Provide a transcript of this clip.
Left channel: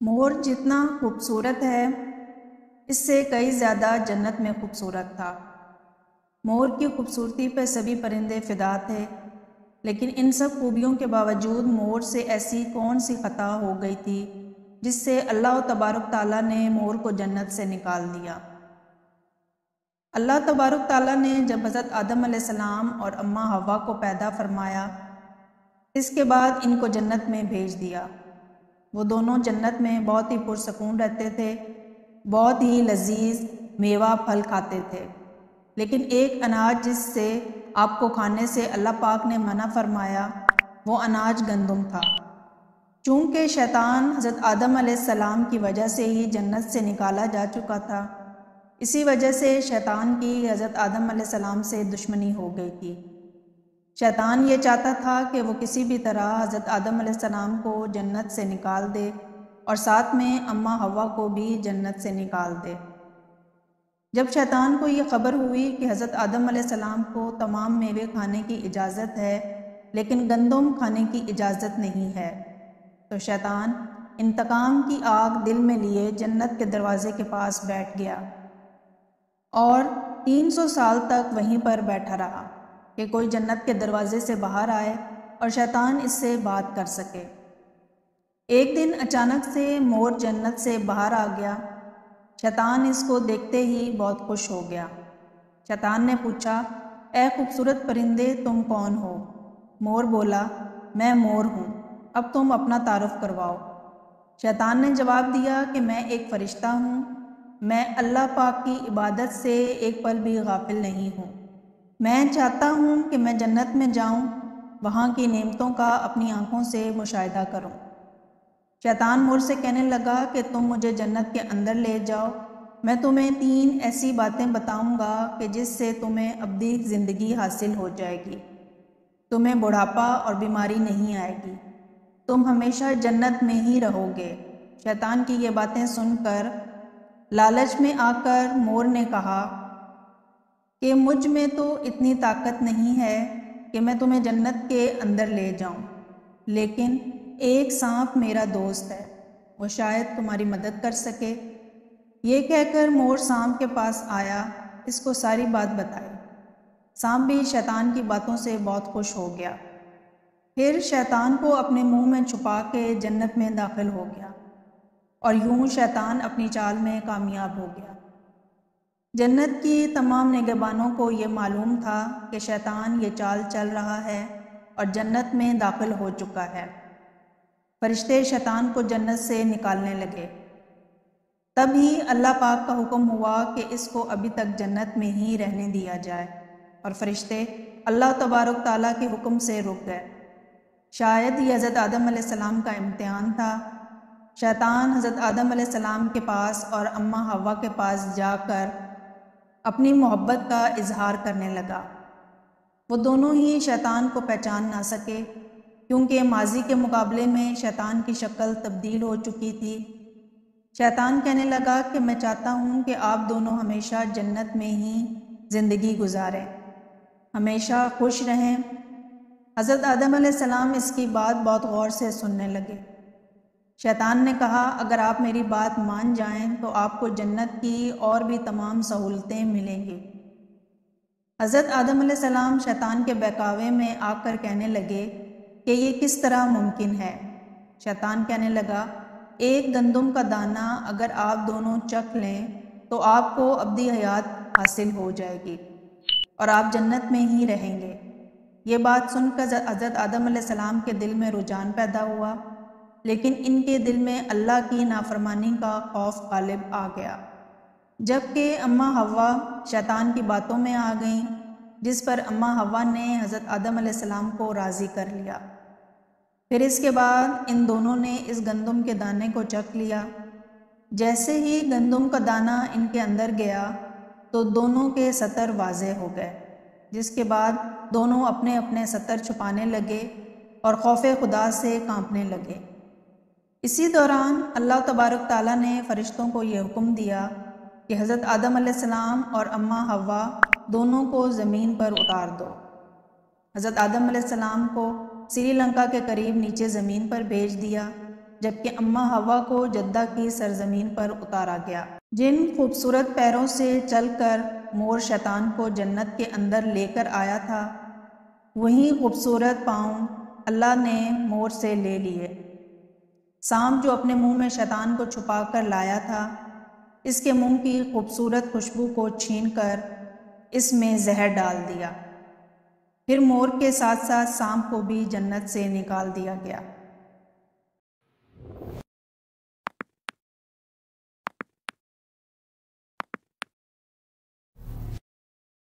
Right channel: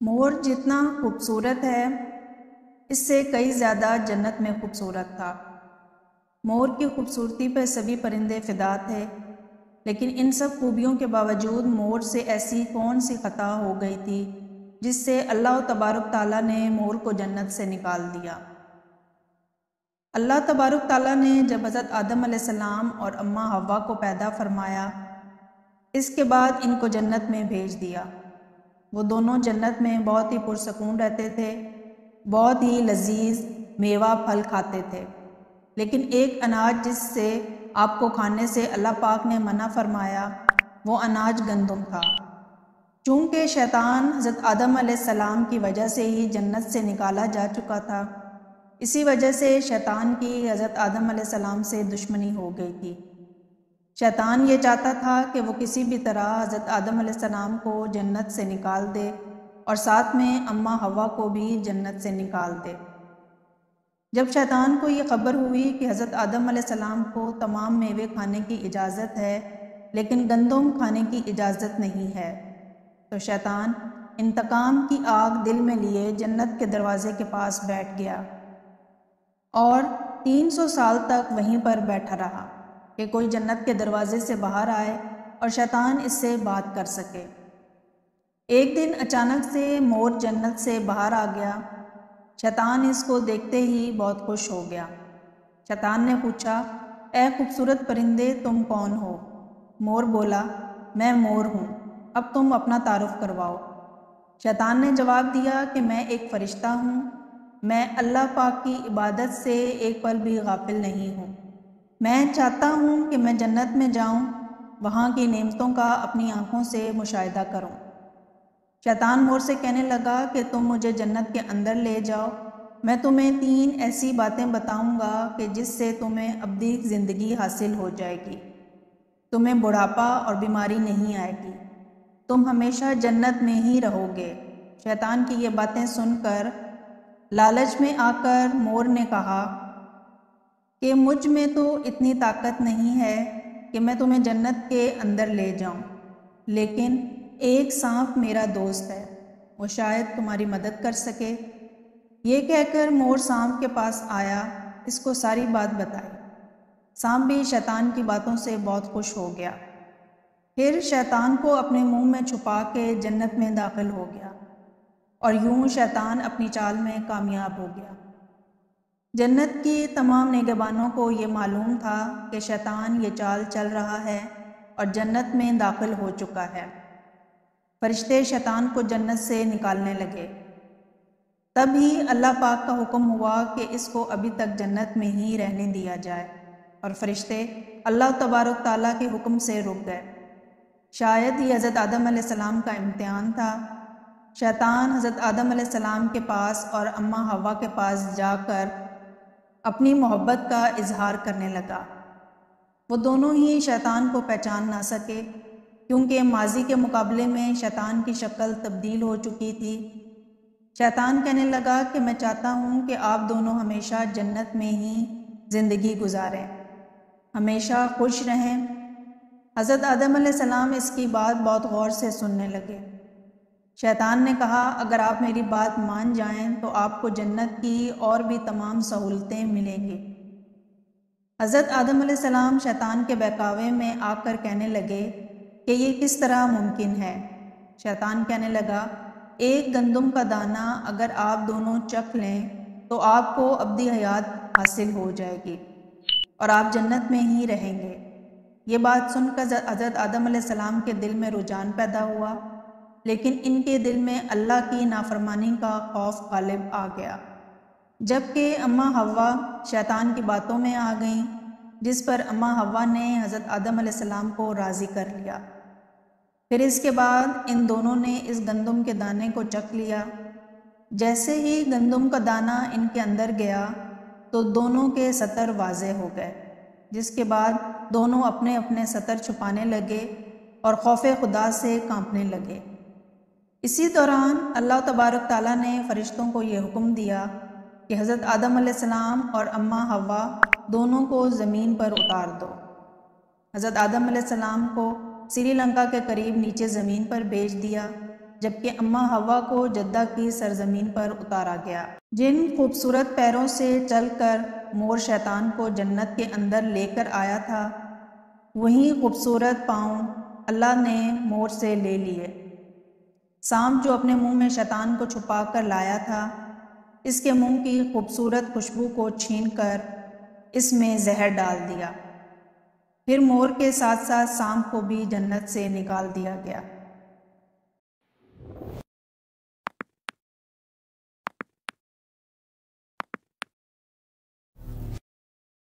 مور جتنا خوبصورت ہے اس سے کئی زیادہ جنت میں خوبصورت تھا۔ مور کی خوبصورتی پہ سبھی پرندے فدا تھے، لیکن ان سب خوبیوں کے باوجود مور سے ایسی کون سی خطا ہو گئی تھی جس سے اللہ تبارک تعالیٰ نے مور کو جنت سے نکال دیا۔ اللہ تبارک تعالیٰ نے جب حضرت آدم علیہ السلام اور اماں حوا کو پیدا فرمایا، اس کے بعد ان کو جنت میں بھیج دیا۔ وہ دونوں جنت میں بہت ہی پرسکون رہتے تھے، بہت ہی لذیذ میوہ پھل کھاتے تھے، لیکن ایک اناج جس سے آپ کو کھانے سے اللہ پاک نے منع فرمایا، وہ اناج گندم تھا۔ چونکہ شیطان حضرت آدم علیہ السلام کی وجہ سے ہی جنت سے نکالا جا چکا تھا، اسی وجہ سے شیطان کی حضرت آدم علیہ السلام سے دشمنی ہو گئی تھی۔ شیطان یہ چاہتا تھا کہ وہ کسی بھی طرح حضرت آدم علیہ السلام کو جنت سے نکال دے اور ساتھ میں اماں حوا کو بھی جنت سے نکال دے۔ جب شیطان کو یہ خبر ہوئی کہ حضرت آدم علیہ السلام کو تمام میوے کھانے کی اجازت ہے لیکن گندم کھانے کی اجازت نہیں ہے، تو شیطان انتقام کی آگ دل میں لیے جنت کے دروازے کے پاس بیٹھ گیا اور 300 سال تک وہیں پر بیٹھا رہا کہ کوئی جنت کے دروازے سے باہر آئے اور شیطان اس سے بات کر سکے۔ ایک دن اچانک سے مور جنت سے باہر آ گیا۔ شیطان اس کو دیکھتے ہی بہت خوش ہو گیا۔ شیطان نے پوچھا، اے خوبصورت پرندے، تم کون ہو؟ مور بولا، میں مور ہوں، اب تم اپنا تعارف کرواؤ۔ شیطان نے جواب دیا کہ میں ایک فرشتہ ہوں، میں اللہ پاک کی عبادت سے ایک پل بھی غافل نہیں ہوں۔ میں چاہتا ہوں کہ میں جنت میں جاؤں، وہاں کی نعمتوں کا اپنی آنکھوں سے مشاہدہ کروں۔ شیطان مور سے کہنے لگا کہ تم مجھے جنت کے اندر لے جاؤ، میں تمہیں 3 ایسی باتیں بتاؤں گا کہ جس سے تمہیں ابدی زندگی حاصل ہو جائے گی، تمہیں بڑھاپا اور بیماری نہیں آئے گی، تم ہمیشہ جنت میں ہی رہو گے۔ شیطان کی یہ باتیں سن کر لالچ میں آ کر مور نے کہا کہ مجھ میں تو اتنی طاقت نہیں ہے کہ میں تمہیں جنت کے اندر لے جاؤں، لیکن ایک سانپ میرا دوست ہے، وہ شاید تمہاری مدد کر سکے۔ یہ کہہ کر مور سانپ کے پاس آیا، اس کو ساری بات بتائی۔ سانپ بھی شیطان کی باتوں سے بہت خوش ہو گیا، پھر شیطان کو اپنے منہ میں چھپا کے جنت میں داخل ہو گیا اور یوں شیطان اپنی چال میں کامیاب ہو گیا۔ جنت کی تمام نگہبانوں کو یہ معلوم تھا کہ شیطان یہ چال چل رہا ہے اور جنت میں داخل ہو چکا ہے۔ فرشتے شیطان کو جنت سے نکالنے لگے، تب ہی اللہ پاک کا حکم ہوا کہ اس کو ابھی تک جنت میں ہی رہنے دیا جائے، اور فرشتے اللہ تبارک تعالیٰ کے حکم سے رک گئے۔ شاید یہ حضرت آدم علیہ السلام کا امتحان تھا۔ شیطان حضرت آدم علیہ السلام کے پاس اور اماں حوا کے پاس جا کر اپنی محبت کا اظہار کرنے لگا۔ وہ دونوں ہی شیطان کو پہچان نہ سکے، کیونکہ ماضی کے مقابلے میں شیطان کی شکل تبدیل ہو چکی تھی۔ شیطان کہنے لگا کہ میں چاہتا ہوں کہ آپ دونوں ہمیشہ جنت میں ہی زندگی گزاریں، ہمیشہ خوش رہیں۔ حضرت آدم علیہ السلام اس کی بات بہت غور سے سننے لگے۔ شیطان نے کہا، اگر آپ میری بات مان جائیں تو آپ کو جنت کی اور بھی تمام سہولتیں ملیں گی۔ حضرت آدم علیہ السلام شیطان کے بہکاوے میں آ کر کہنے لگے کہ یہ کس طرح ممکن ہے؟ شیطان کہنے لگا، ایک گندم کا دانہ اگر آپ دونوں چکھ لیں تو آپ کو ابدی حیات حاصل ہو جائے گی اور آپ جنت میں ہی رہیں گے۔ یہ بات سن کر حضرت آدم علیہ السلام کے دل میں رجحان پیدا ہوا، لیکن ان کے دل میں اللہ کی نافرمانی کا خوف غالب آ گیا۔ جبکہ اماں حوا شیطان کی باتوں میں آ گئیں، جس پر اماں حوا نے حضرت آدم علیہ السلام کو راضی کر لیا۔ پھر اس کے بعد ان دونوں نے اس گندم کے دانے کو چکھ لیا۔ جیسے ہی گندم کا دانہ ان کے اندر گیا تو دونوں کے سطر واضح ہو گئے، جس کے بعد دونوں اپنے اپنے سطر چھپانے لگے اور خوف خدا سے کانپنے لگے۔ اسی دوران اللہ تبارک تعالیٰ نے فرشتوں کو یہ حکم دیا کہ حضرت آدم علیہ السلام اور اماں حوا دونوں کو زمین پر اتار دو۔ حضرت آدم علیہ السلام کو سری لنکا کے قریب نیچے زمین پر بھیج دیا، جبکہ اماں حوا کو جدہ کی سرزمین پر اتارا گیا۔ جن خوبصورت پیروں سے چل کر مور شیطان کو جنت کے اندر لے کر آیا تھا، وہی خوبصورت پاؤں اللہ نے مور سے لے لیے۔ سانپ جو اپنے منہ میں شیطان کو چھپا کر لایا تھا، اس کے منہ کی خوبصورت خوشبو کو چھین کر اس میں زہر ڈال دیا۔ پھر مور کے ساتھ ساتھ سانپ کو بھی جنت سے نکال دیا گیا۔